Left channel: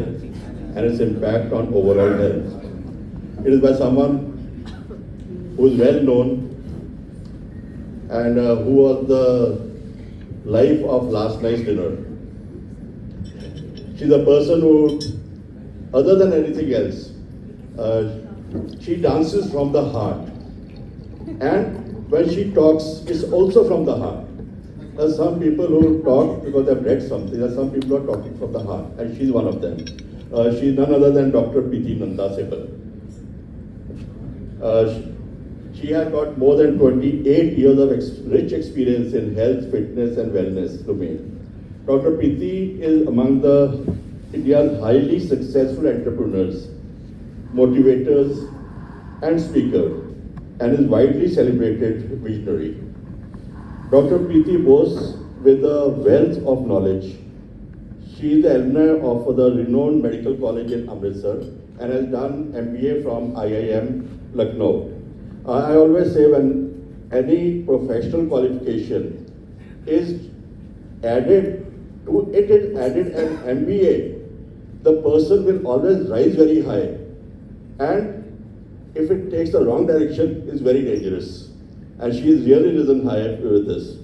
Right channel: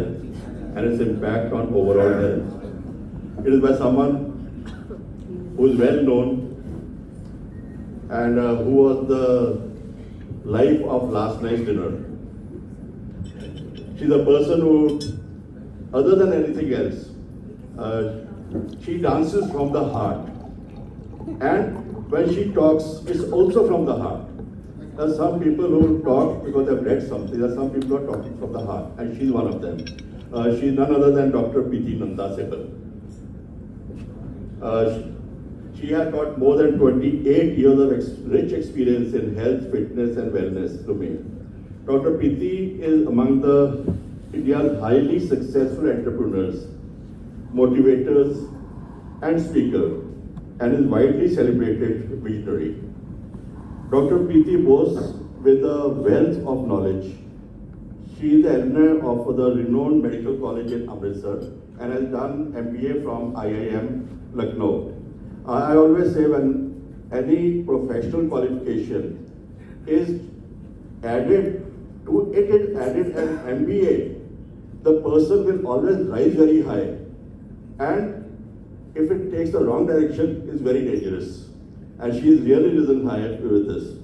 health and its impact on overall health. It is by someone who is well known and who was the life of last night's dinner. She's a person who, other than anything else, she dances from the heart. And when she talks, it's also from the heart. There are some people who talk because they've read something. There are some people who are talking from the heart, and she's one of them. She's none other than Dr. Preeti Nanda Sehgal. She has got more than 28 years of rich experience in health, fitness, and wellness domain. Dr. Preeti is among the India's highly successful entrepreneurs, motivators, and speakers, and is widely celebrated visionary. Dr. Preeti boasts with a wealth of knowledge. She is the alumna of the renowned medical college in Amritsar and has done MBA from IIM Lucknow. I always say when any professional qualification is added to it is added an MBA, the person will always rise very high. And if it takes the wrong direction, it's very dangerous. And she has really risen high with this.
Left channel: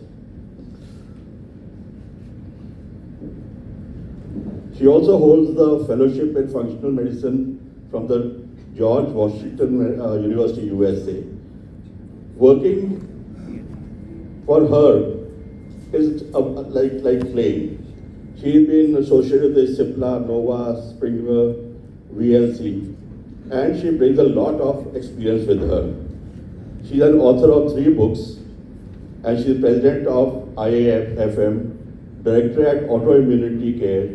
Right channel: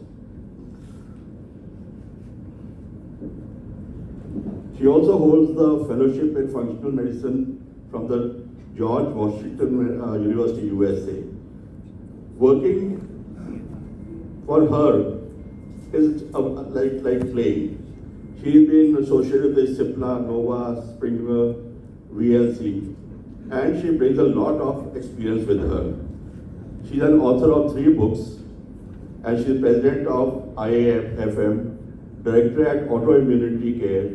She also holds the fellowship in functional medicine from the George Washington University, USA. Working for her is like playing. She's been associated with Cipla, Nova, Springer, VLC, and she brings a lot of experience with her. She's an author of 3 books, and she's president of IAFM, director at Autoimmunity Care,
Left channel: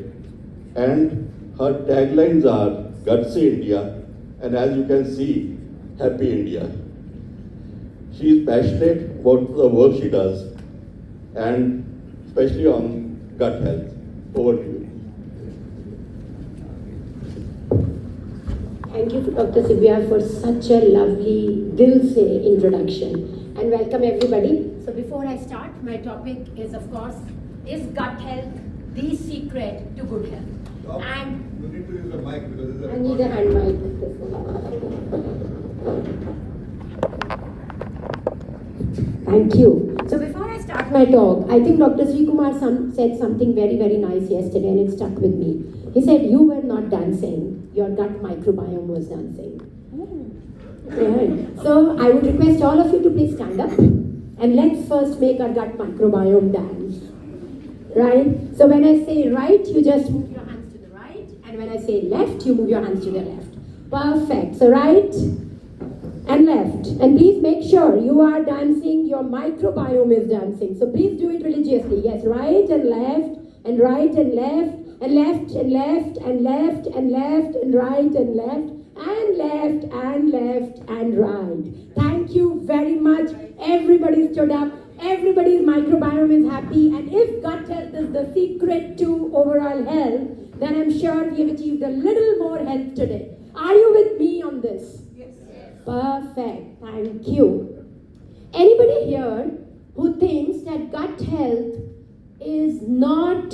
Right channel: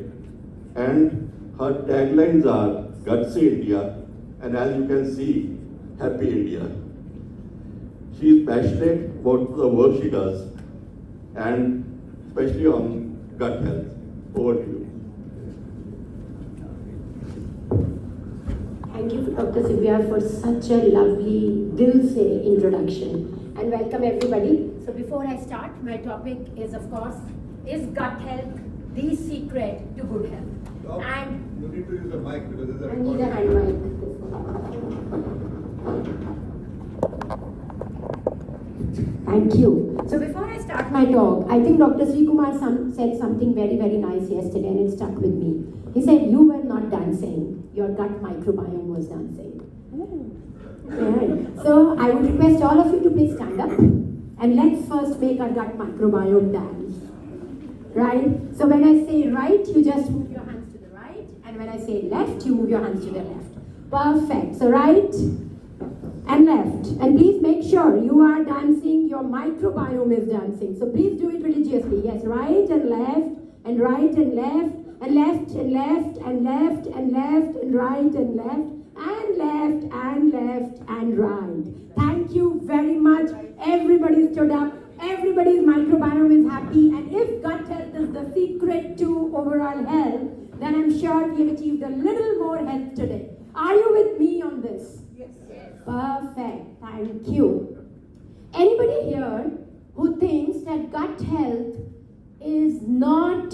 and her taglines are Gutsy India, and as you can see, Happy India. She is passionate about the work she does, and especially on gut health. Over to you. Thank you, Dr. Sibia, for such a lovely, dil se introduction. And welcome everybody. So before I start, my topic is, of course, is gut health the secret to good health? Stop. And you need to use a mic because this is a I need a hand mic. Thank you. So before I start my talk, I think Dr. Sri Kumar said something very, very nice yesterday, and it stuck with me. He said, you were not dancing, your gut microbiome was dancing. Right. So I would request all of you to please stand up, and let's first make our gut microbiome dance. Right? So when I say right, you just move your hands to the right, and when I say left, you move your hands to the left. Perfect. So right and left. And please make sure you are dancing, your microbiome is dancing. So please do it religiously. Yes, right and left, and right and left, and left and left, and left and left, and right and left, and left and left and right. Thank you very much. Everybody stood up. Everybody's microbiome is happy. And if gut health is the secret to overall health, then I'm sure we've achieved a little more health today. Are you with me on this? Yes. Perfect. Thank you. Anybody here who thinks that gut health is not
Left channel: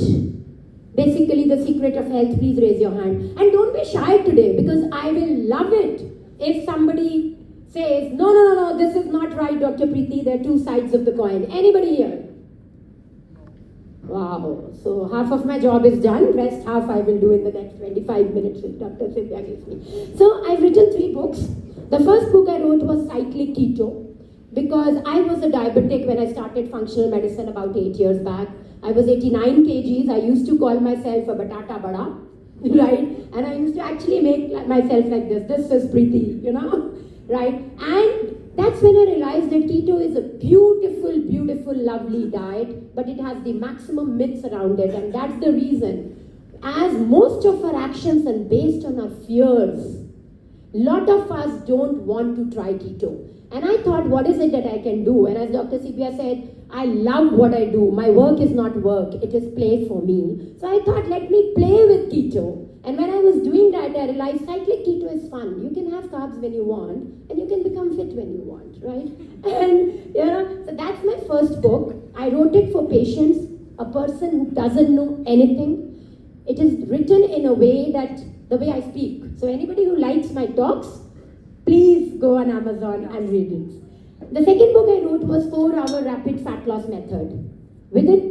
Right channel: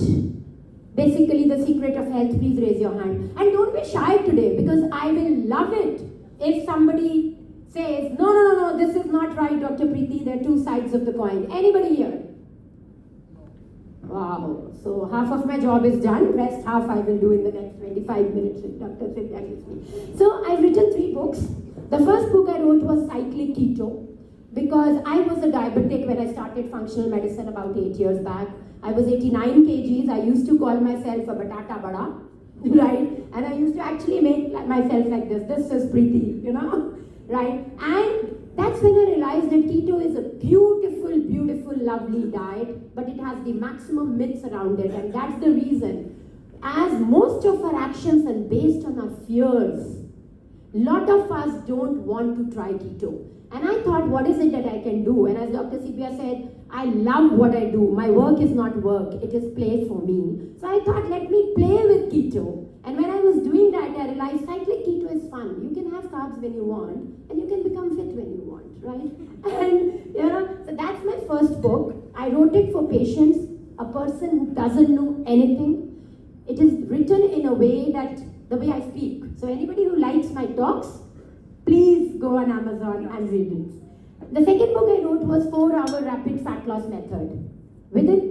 basically the secret of health, please raise your hand. And don't be shy today, because I will love it if somebody says, no, this is not right, Dr. Preeti, there are 2 sides of the coin. Anybody here? Wow. So half of my job is done, rest half I will do in the next 25 minutes with Dr. Sibia gives me. So I've written 3 books. The first book I wrote was Cyclic Keto, because I was a diabetic when I started functional medicine about 8 years back. I was 89 kgs. I used to call myself a batata bada, right? And I used to actually make myself like this. This is Preeti, right? And that's when I realized that keto is a beautiful, beautiful, lovely diet, but it has the maximum myths around it. And that's the reason, as most of our actions are based on our fears, a lot of us don't want to try keto. And I thought, what is it that I can do? And as Dr. Sibia said, I love what I do. My work is not work, it is play for me. So I thought, let me play with keto. And when I was doing that, I realized cyclic keto is fun. You can have carbs when you want, and you can become fit when you want, right? And so that's my first book. I wrote it for patients, a person who doesn't know anything. It is written in a way at the way I speak. So anybody who likes my talks, please go on Amazon and read it. The second book I wrote was 4-Hour Rapid Fat Loss Method. Within,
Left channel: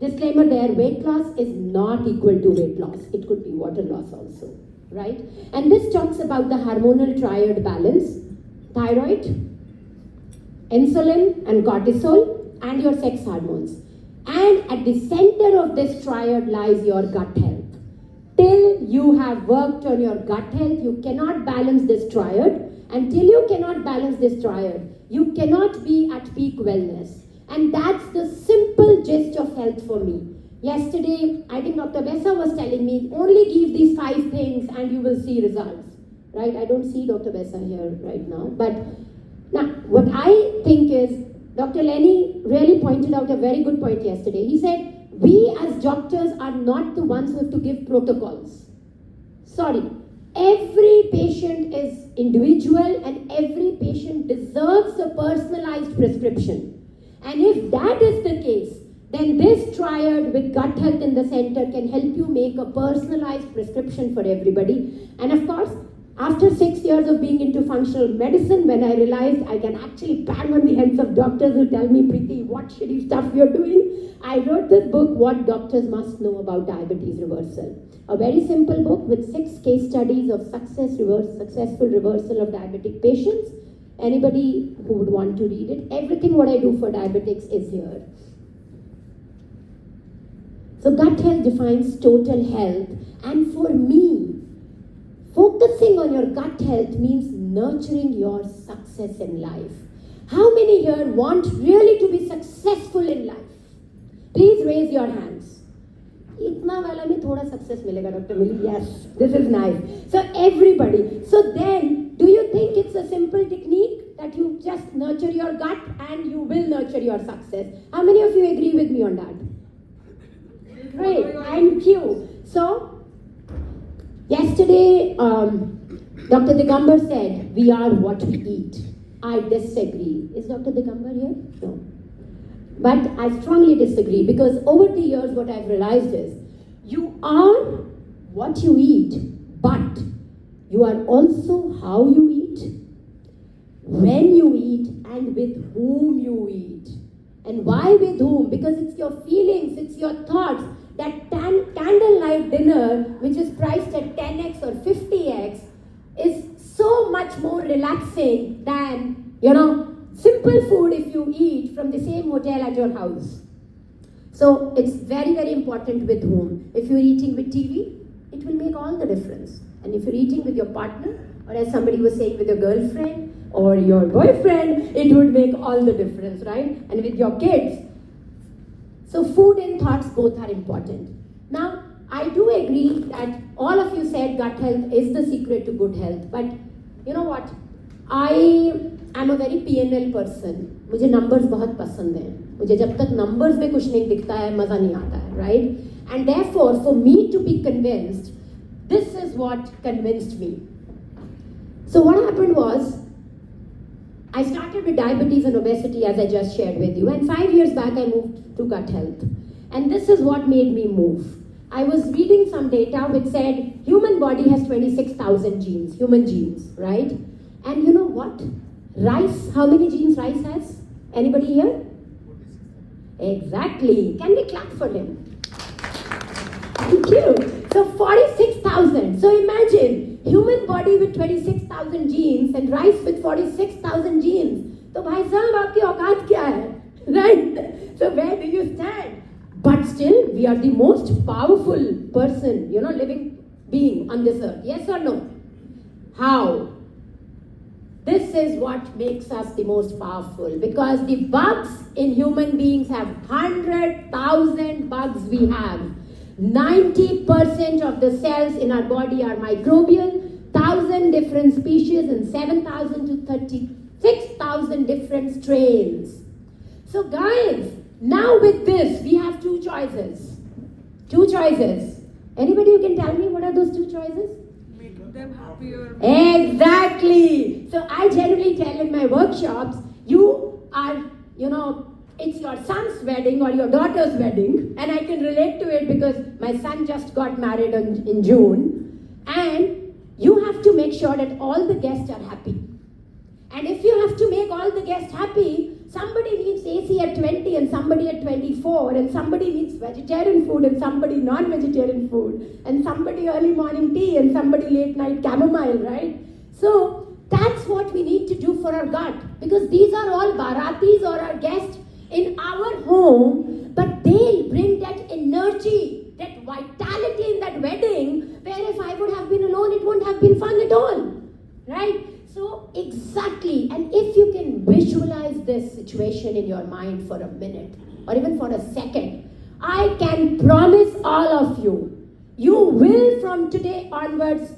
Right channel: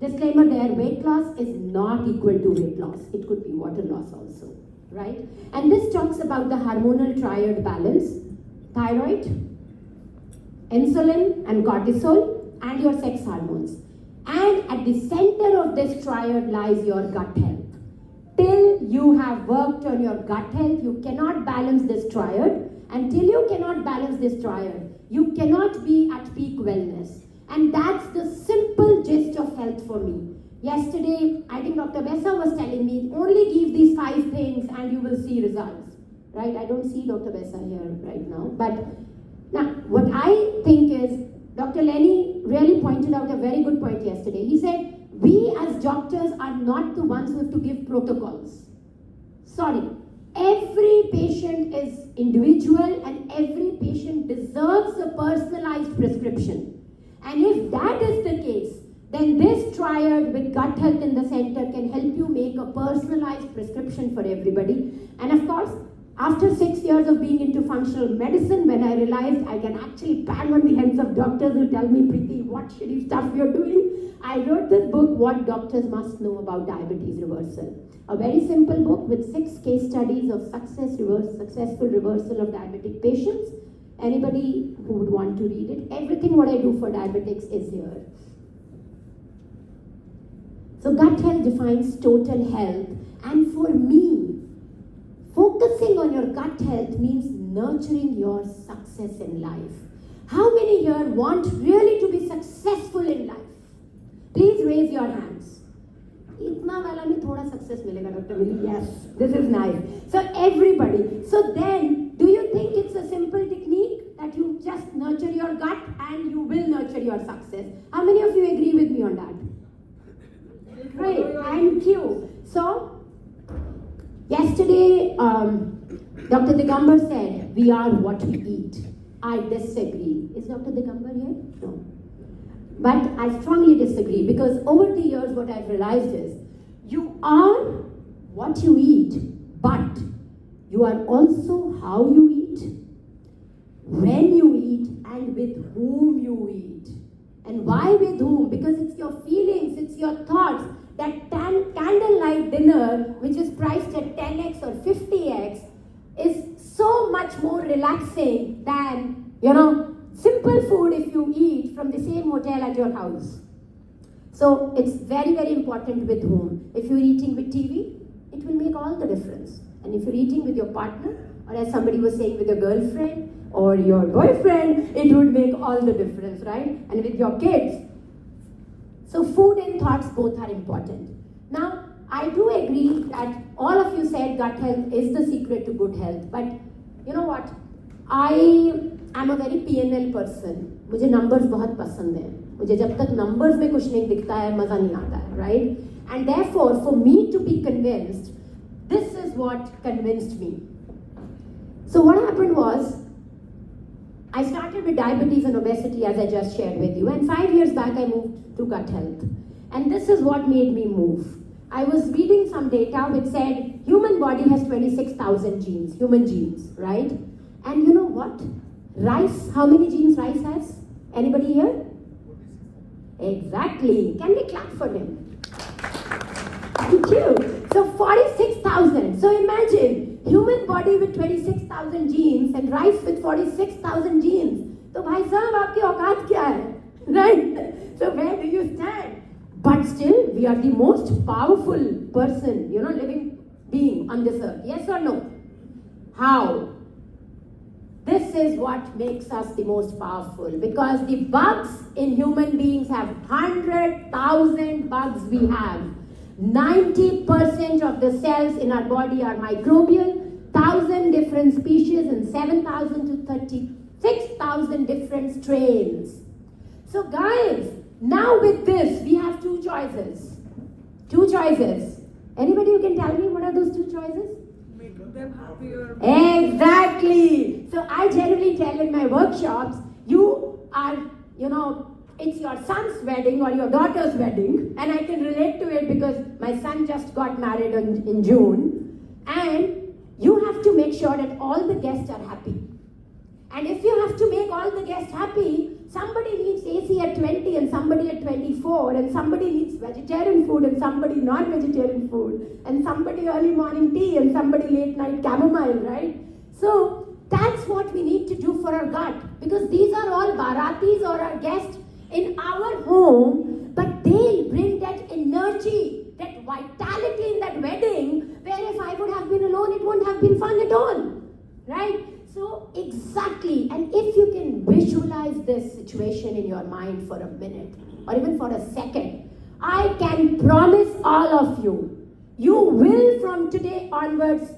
disclaimer there, weight loss is not equal to weight loss. It could be water loss also, right? And this talks about the hormonal triad balance: thyroid, insulin and cortisol, and your sex hormones. And at the center of this triad lies your gut health. Till you have worked on your gut health, you cannot balance this triad. Until you cannot balance this triad, you cannot be at peak wellness. And that's the simple gist of health for me. Yesterday, I think Dr. Bessa was telling me, only give these 5 things and you will see results. Right? I don't see Dr. Bessa here right now. But now, what I think is, Dr. Lenny really pointed out a very good point yesterday. He said, we as doctors are not the ones who have to give protocols. Sorry. Every patient is individual and every patient deserves a personalized prescription. And if that is the case, then this triad with gut health in the center can help you make a personalized prescription for everybody. And of course, after 6 years of being into functional medicine, when I realized I can actually bang on the heads of doctors who tell me, Preeti, what shitty stuff you're doing, I wrote this book, What Doctors Must Know About Diabetes Reversal. A very simple book with 6 case studies of successful reversal of diabetic patients. Anybody who would want to read it, everything what I do for diabetics is here. So gut health defines total health, and for me, focusing on your gut health means nurturing your success in life. How many here want really to be successful in life? Please raise your hands. Itna wala mein thoda success milega, Dr. Millie. Yes, this is nice. So everybody. So then, do you think it's a simple technique that you just nurture your gut and you will nurture your success? How many of you agree with me on that? Great, thank you. So, yesterday, Dr. Digambar said, we are what we eat. I disagree. Is Dr. Digambar here? No. But I strongly disagree, because over the years what I've realized is, you are what you eat, but you are also how you eat, when you eat, and with whom you eat. And why with whom? Because it's your feelings, it's your thoughts. That candlelight dinner, which is priced at 10x or 50x, is so much more relaxing than, simple food if you eat from the same hotel at your house. So it's very, very important with whom. If you're eating with TV, it will make all the difference. And if you're eating with your partner, or as somebody was saying, with your girlfriend or your boyfriend, it would make all the difference, right? And with your kids. So food and thoughts both are important. Now, I do agree that all of you said gut health is the secret to good health. But you know what? I am a very PNL person. मुझे numbers बहुत पसंद हैं. मुझे जब तक numbers में कुछ नहीं दिखता है, मजा नहीं आता है, right? And therefore, for me to be convinced, this is what convinced me. So what happened was, I started with diabetes and obesity, as I just shared with you, and 5 years back I moved to gut health. And this is what made me move. I was reading some data which said human body has 26,000 genes, human genes, right? And you know what? Rice, how many genes rice has? Anybody here? Exactly. Can we clap for him? Thank you. So 46,000. So imagine, human body with 26,000 genes and rice with 46,000 genes. So bhai sahab, aapki auqaat kya hai? Right? So where do you stand? But still, we are the most powerful person, living being on this earth. Yes or no? How? This is what makes us the most powerful, because the bugs in human beings have 100,000 bugs we have. 90% of the cells in our body are microbial, 1,000 different species and 7,000 to 36,000 different strains. So guys, now with this, we have 2 choices. 2 choices. Anybody who can tell me what are those 2 choices? Make them happier. Exactly. So I generally tell in my workshops, you are, it's your son's wedding or your daughter's wedding, and I can relate to it because my son just got married in June. And you have to make sure that all the guests are happy. And if you have to make all the guests happy, somebody needs AC at 20 and somebody at 24, and somebody needs vegetarian food and somebody non-vegetarian food, and somebody early morning tea and somebody late night chamomile, right? So that's what we need to do for our gut, because these are all Bharatis or our guests in our home, but they bring that energy, that vitality in that wedding, where if I would have been alone, it wouldn't have been fun at all, right? So exactly, and if you can visualize this situation in your mind for a minute or even for a second, I can promise all of you, you will from today onwards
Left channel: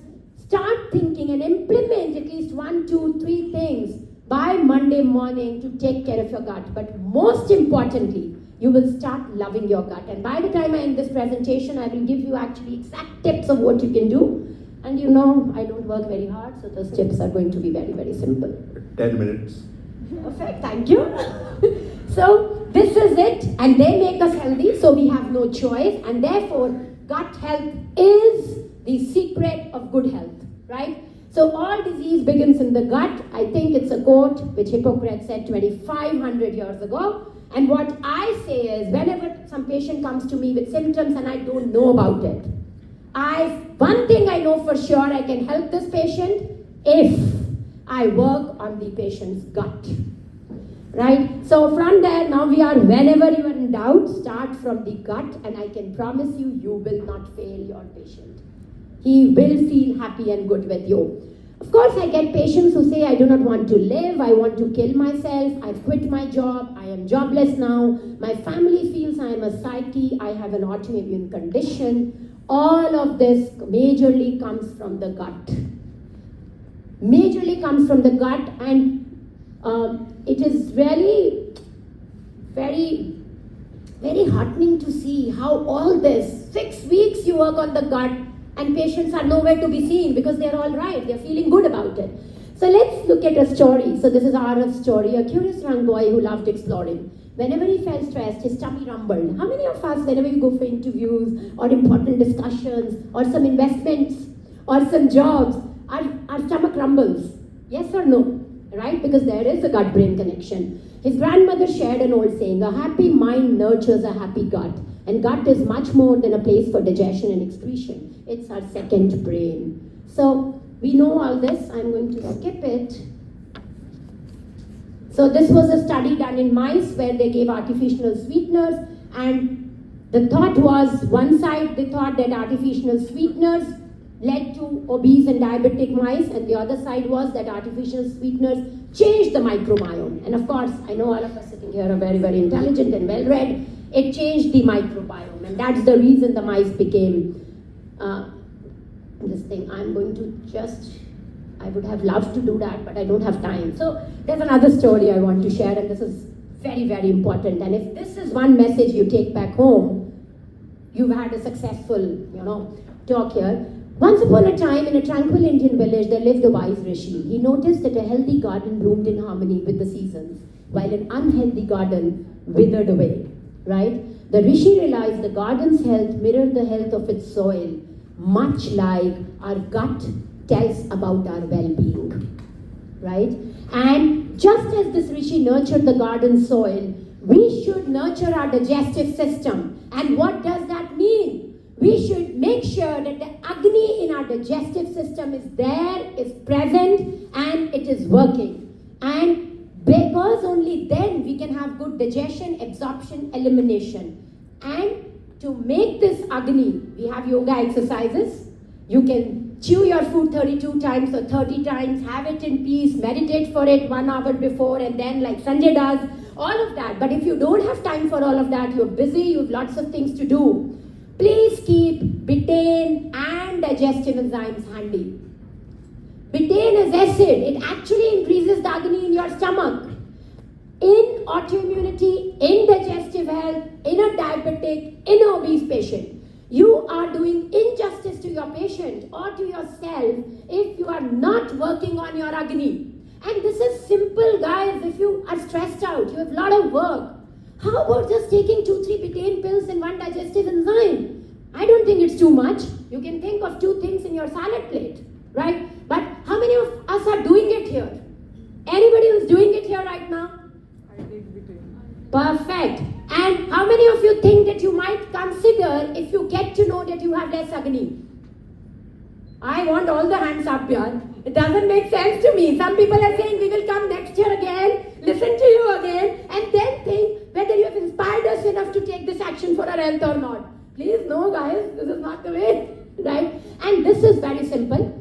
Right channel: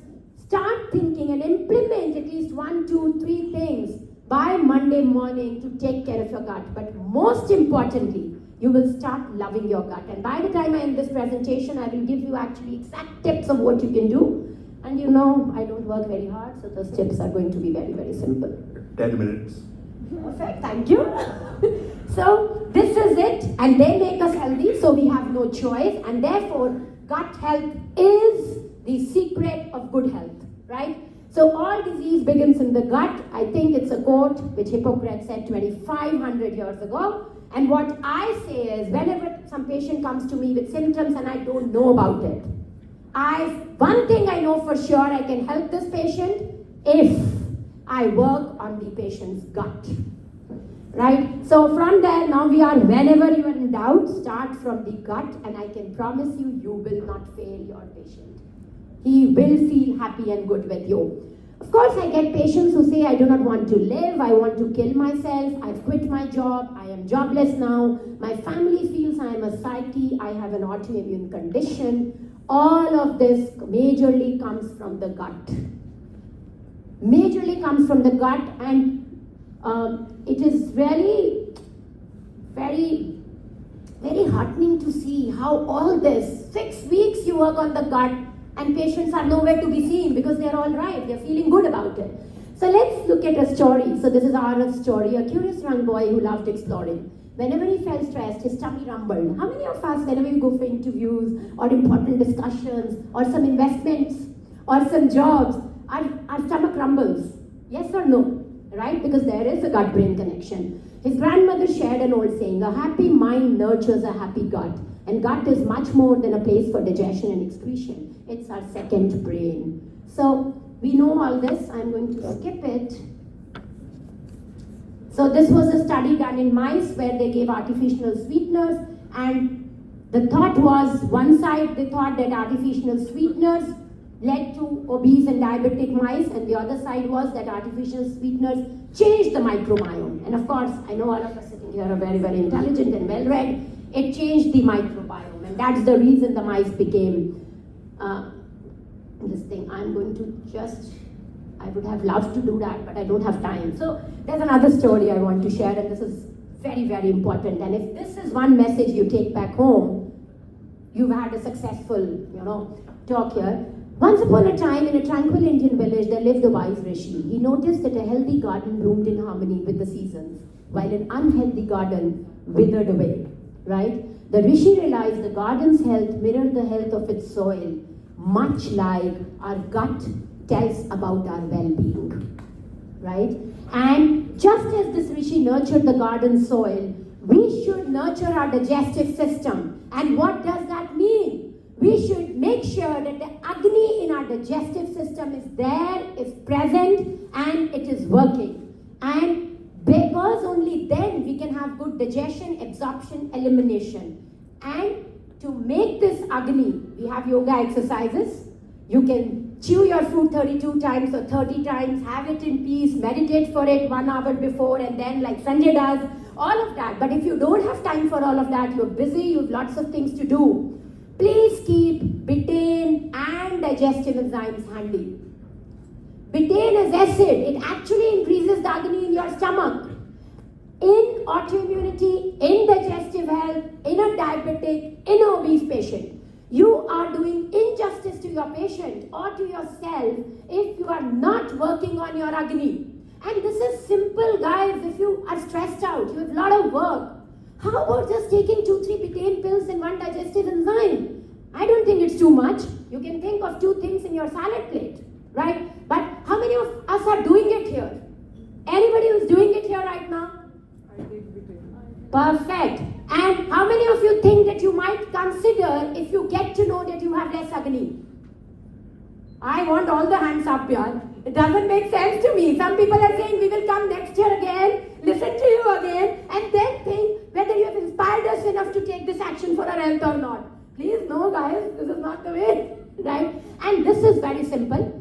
start thinking and implement at least 1, 2, 3 things by Monday morning to take care of your gut. But most importantly, you will start loving your gut. And by the time I end this presentation, I will give you actually exact tips of what you can do. And you know, I don't work very hard, so those tips are going to be very, very simple. 10 minutes. Perfect, thank you. So, this is it, and they make us healthy, so we have no choice, and therefore, gut health is the secret of good health, right? So, all disease begins in the gut. I think it's a quote which Hippocrates said 2,500 years ago. And what I say is, whenever some patient comes to me with symptoms and I don't know about it, one thing I know for sure, I can help this patient if I work on the patient's gut, right? So from there, now we are, whenever you are in doubt, start from the gut, and I can promise you, you will not fail your patient. He will feel happy and good with you. Of course, I get patients who say, I do not want to live, I want to kill myself, I've quit my job, I am jobless now, my family feels I am a psyche, I have an autoimmune condition. All of this majorly comes from the gut. Majorly comes from the gut, and it is really very, very heartening to see how all this, 6 weeks you work on the gut, and patients are nowhere to be seen because they're all right, they're feeling good about it. So let's look at a story. So this is Arav's story, a curious young boy who loved exploring. Whenever he felt stressed, his tummy rumbled. How many of us, whenever we go for interviews or important discussions or some investments or some jobs, our stomach rumbles? Yes or no? Right? Because there is a gut-brain connection. His grandmother shared an old saying, a happy mind nurtures a happy gut. And gut is much more than a place for digestion and excretion. It's our second brain. So we know all this. I'm going to skip it. So this was a study done in mice where they gave artificial sweeteners, and the thought was, one side they thought that artificial sweeteners led to obese and diabetic mice, and the other side was that artificial sweeteners changed the microbiome. And of course, I know all of us sitting here are very, very intelligent and well-read. It changed the microbiome, and that's the reason the mice became this thing. I'm going to just, I would have loved to do that, but I don't have time. So there's another story I want to share, and this is very, very important. And if this is one message you take back home, you've had a successful, talk here. Once upon a time, in a tranquil Indian village, there lived a wise rishi. He noticed that a healthy garden bloomed in harmony with the seasons, while an unhealthy garden withered away, right? The rishi realized the garden's health mirrored the health of its soil, much like our gut tells about our well-being, right? And just as this rishi nurtured the garden soil, we should nurture our digestive system. And what does that mean? We should make sure that the Agni in our digestive system is there, is present, and it is working. And because only then we can have good digestion, absorption, elimination. And to make this Agni, we have yoga exercises. You can chew your food 32 times or 30 times, have it in peace, meditate for it 1 hour before, and then like Sanjay does, all of that. But if you don't have time for all of that, you're busy, you have lots of things to do, please keep betaine and digestive enzymes handy. Betaine is acid. It actually increases the Agni in your stomach. In autoimmunity, in digestive health, in a diabetic, in an obese patient, you are doing injustice to your patient or to yourself if you are not working on your Agni. And this is simple, guys. If you are stressed out, you have a lot of work, how about just taking 2-3 betaine pills and 1 digestive enzyme? I don't think it's too much. You can think of 2 things in your salad plate, right? But how many of us are doing it here? Anybody who's doing it here right now? I take between. Perfect. And how many of you think that you might consider if you get to know that you have less Agni? I want all the hands up here. It doesn't make sense to me. Some people are saying we will come next year again, listen to you again, and then think whether you have inspired us enough to take this action for our health or not. Please, no guys, this is not the way, right? And this is very simple.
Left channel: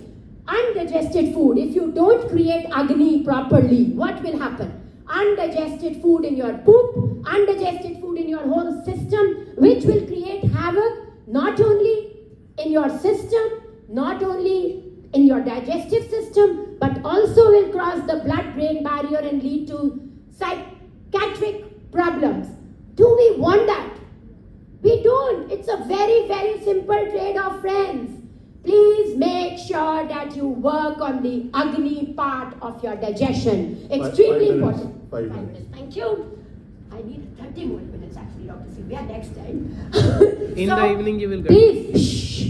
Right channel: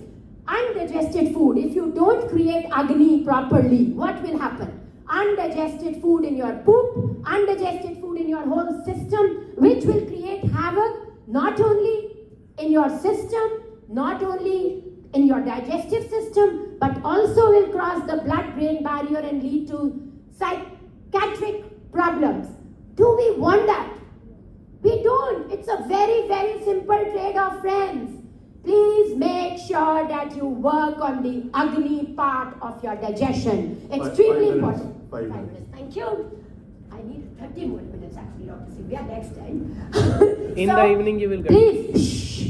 Undigested food, if you don't create Agni properly, what will happen? Undigested food in your poop, undigested food in your whole system, which will create havoc not only in your system, not only in your digestive system, but also will cross the blood-brain barrier and lead to psychiatric problems. Do we want that? We don't. It's a very, very simple trade-off, friends. Please make sure that you work on the Agni part of your digestion. Extremely important. 5 5 minutes. minutes. Thank you. I need 30 more minutes actually, Dr. Sivya, next time. In the evening you will get. Please, shh.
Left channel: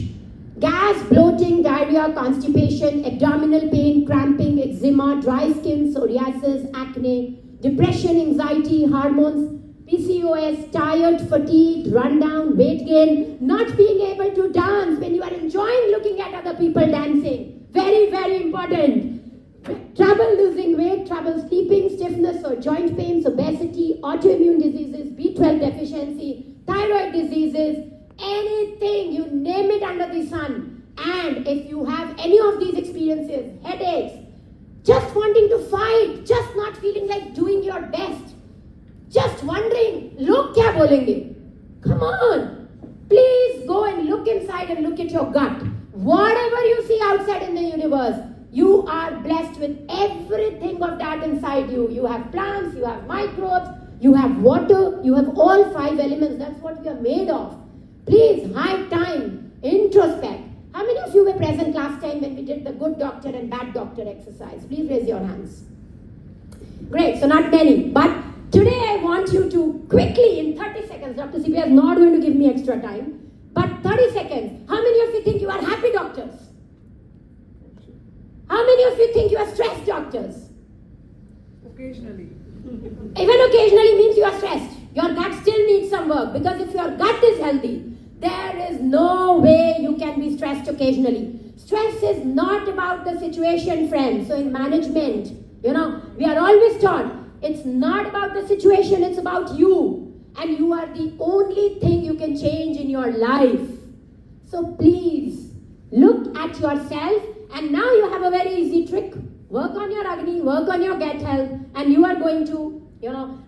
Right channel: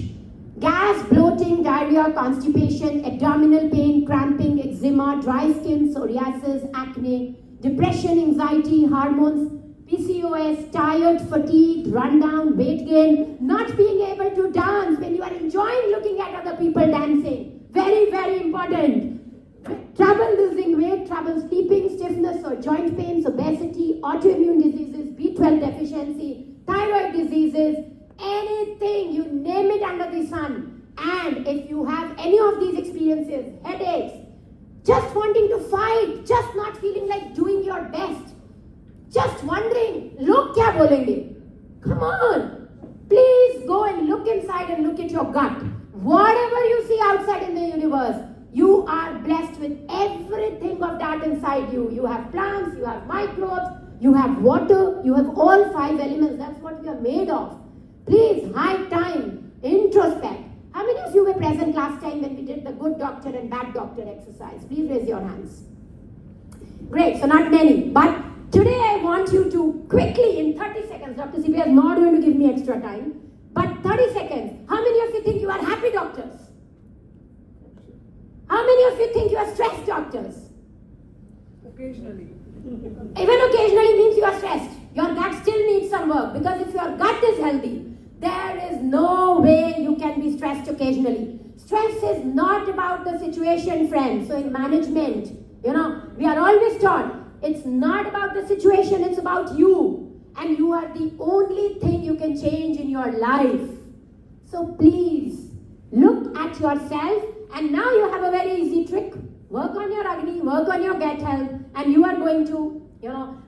Gas, bloating, diarrhea, constipation, abdominal pain, cramping, eczema, dry skin, psoriasis, acne, depression, anxiety, hormones, PCOS, tired, fatigued, rundown, weight gain, not being able to dance when you are enjoying looking at other people dancing. Very, very important. Trouble losing weight, trouble sleeping, stiffness or joint pains, obesity, autoimmune diseases, B12 deficiency, thyroid diseases, anything, you name it under the sun. And if you have any of these experiences, headaches, just wanting to fight, just not feeling like doing your best, just wondering, look kya bolenge? Come on. Please go and look inside and look at your gut. Whatever you see outside in the universe, you are blessed with everything of that inside you. You have plants, you have microbes, you have water, you have all 5 elements. That's what we are made of. Please, high time, introspect. How many of you were present last time when we did the good doctor and bad doctor exercise? Please raise your hands. Great, so not many. But today I want you to quickly, in 30 seconds, Dr. Sivya is not going to give me extra time, but 30 seconds. How many of you think you are happy doctors? How many of you think you are stressed doctors? Occasionally. Even occasionally means you are stressed. Your gut still needs some work, because if your gut is healthy, there is no way you can be stressed occasionally. Stress is not about the situation, friends. So in management, we are always taught, it's not about the situation, it's about you. And you are the only thing you can change in your life. So please, look at yourself, and now you have a very easy trick. Work on your Agni, work on your gut health, and you are going to,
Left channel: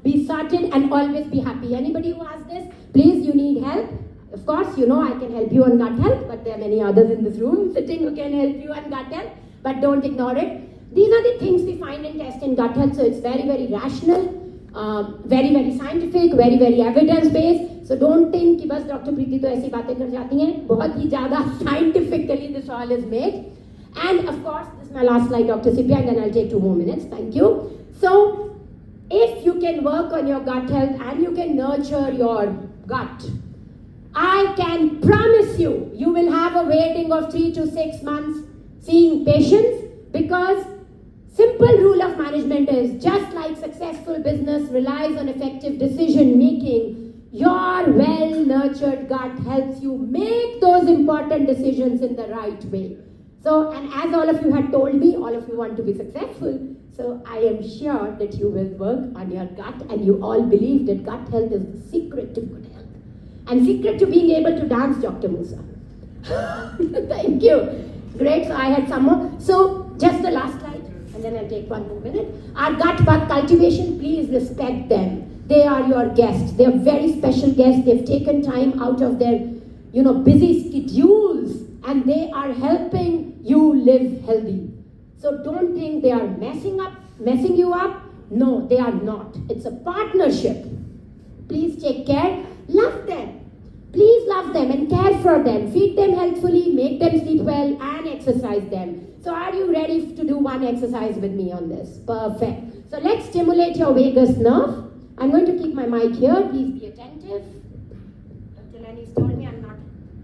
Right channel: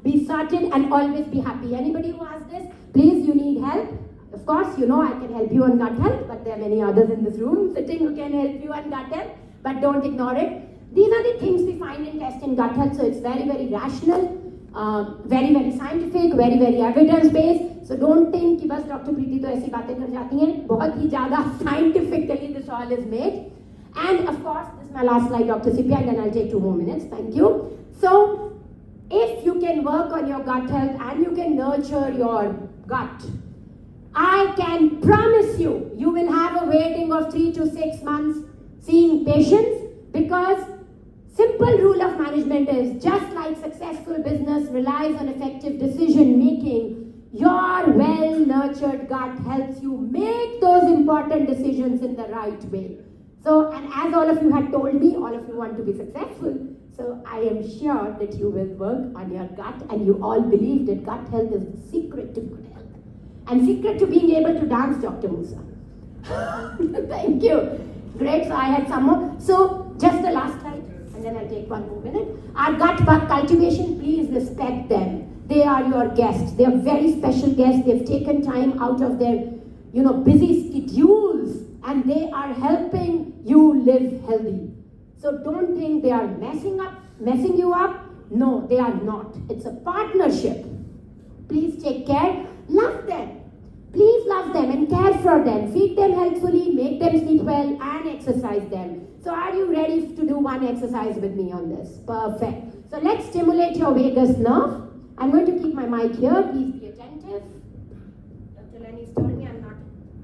be sorted and always be happy. Anybody who has this, please, you need help. Of course, I can help you on gut health, but there are many others in this room sitting who can help you on gut health, but don't ignore it. These are the things we find and test in gut health, so it's very, very rational, very, very scientific, very, very evidence-based. So don't think कि बस Dr. Preeti तो ऐसी बातें कर जाती हैं. बहुत ही ज़्यादा scientifically this all is made. And of course, this is my last slide, Dr. Sivya, and then I'll take 2 more minutes. Thank you. So, if you can work on your gut health and you can nurture your gut, I can promise you, you will have a waiting of 3 to 6 months seeing patients, because simple rule of management is, just like successful business relies on effective decision making, your well-nurtured gut helps you make those important decisions in the right way. So, and as all of you had told me, all of you want to be successful. So I am sure that you will work on your gut, and you all believe that gut health is the secret to good health. And secret to being able to dance, Dr. Musa. Thank you. Great, so I had some more. So just the last slide, and then I'll take 1 more minute. Our gut bug cultivation, please respect them. They are your guests. They are very special guests. They've taken time out of their, busy schedules, and they are helping you live healthy. So don't think they are messing you up. No, they are not. It's a partnership. Please take care. Love them. Please love them and care for them. Feed them healthfully, make them sleep well, and exercise them. So are you ready to do one exercise with me on this? Perfect. So let's stimulate your vagus nerve. I'm going to keep my mic here. Please be attentive. Dr. Lenny's told me I'm not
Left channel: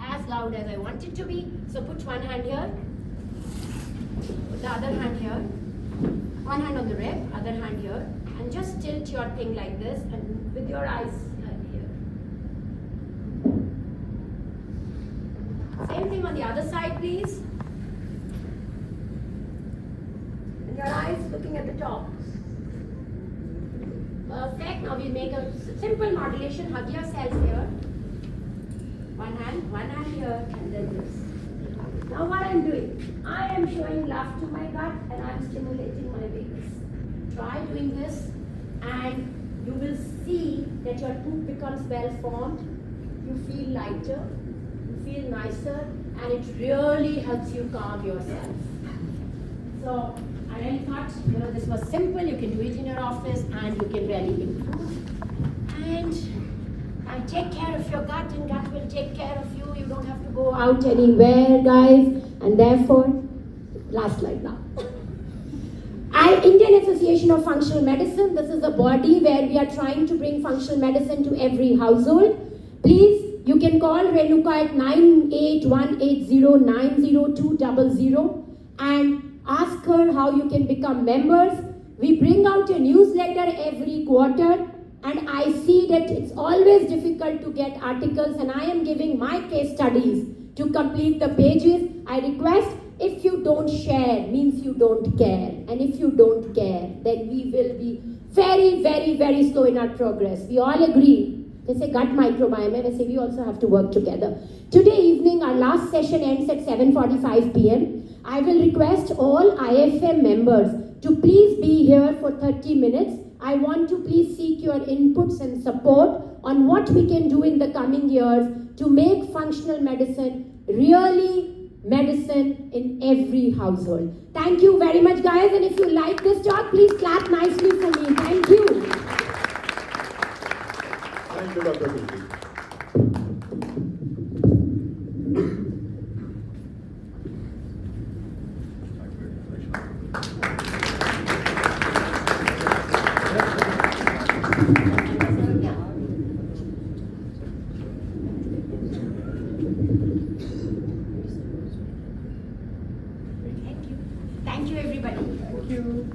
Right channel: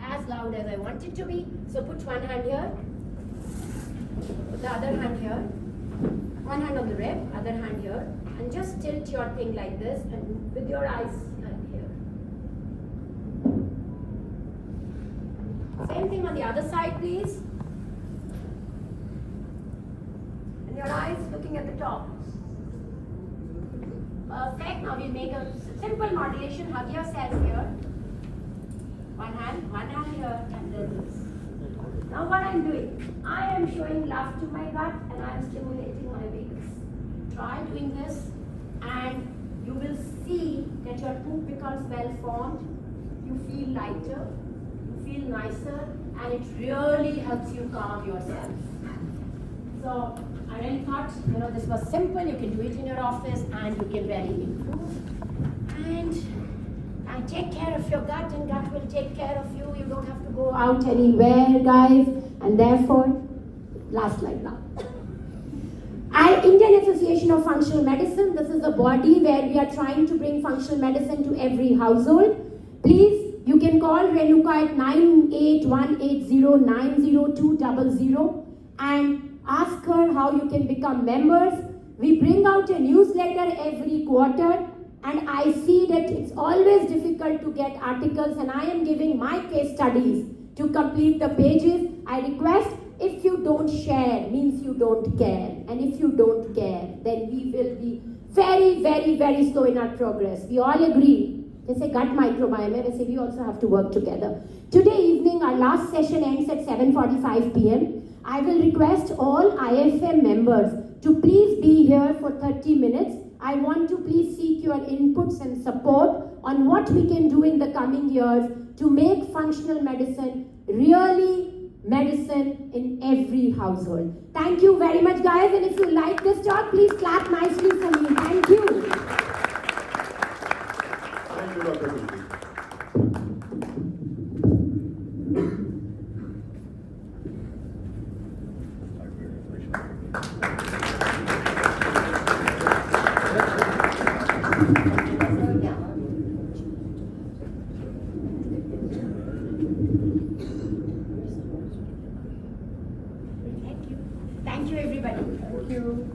as loud loud as I want it to be. So put one hand here, the other hand here, one hand on the rib, other hand here, and just tilt your thing like this and with your eyes here. Same thing on the other side, please. And your eyes looking at the top. Perfect. Now we'll make a simple modulation. Hug yourself here. One hand here, and then this. Now what I'm doing, I am showing love to my gut and I'm stimulating my wings. Try doing this and you will see that your poop becomes well formed. You feel lighter, you feel nicer, and it really helps you calm yourself. So I really thought, this was simple. You can do it in your office and you can really improve. And take care of your gut, and gut will take care of you. You don't have to go out anywhere, guys. And therefore, last slide now. Indian Association of Functional Medicine. This is a body where we are trying to bring functional medicine to every household. Please, you can call Renuka at 9818090200 and ask her how you can become members. We bring out a newsletter every quarter, and I see that it's always difficult to get articles, and I am giving my case studies to complete the pages. I request, if you don't share, means you don't care. And if you don't care, then we will be very, very, very slow in our progress. We all agree. They say gut microbiome, and I say we also have to work together. Today evening, our last session ends at 7:45 p.m. I will request all IFM members to please be here for 30 minutes. I want to please seek your inputs and support on what we can do in the coming years to make functional medicine really medicine in every household. Thank you very much, guys. And if you like this talk, please clap nicely for me. Thank you. Thank you, Dr. Preeti. Thank you, everybody. Thank you.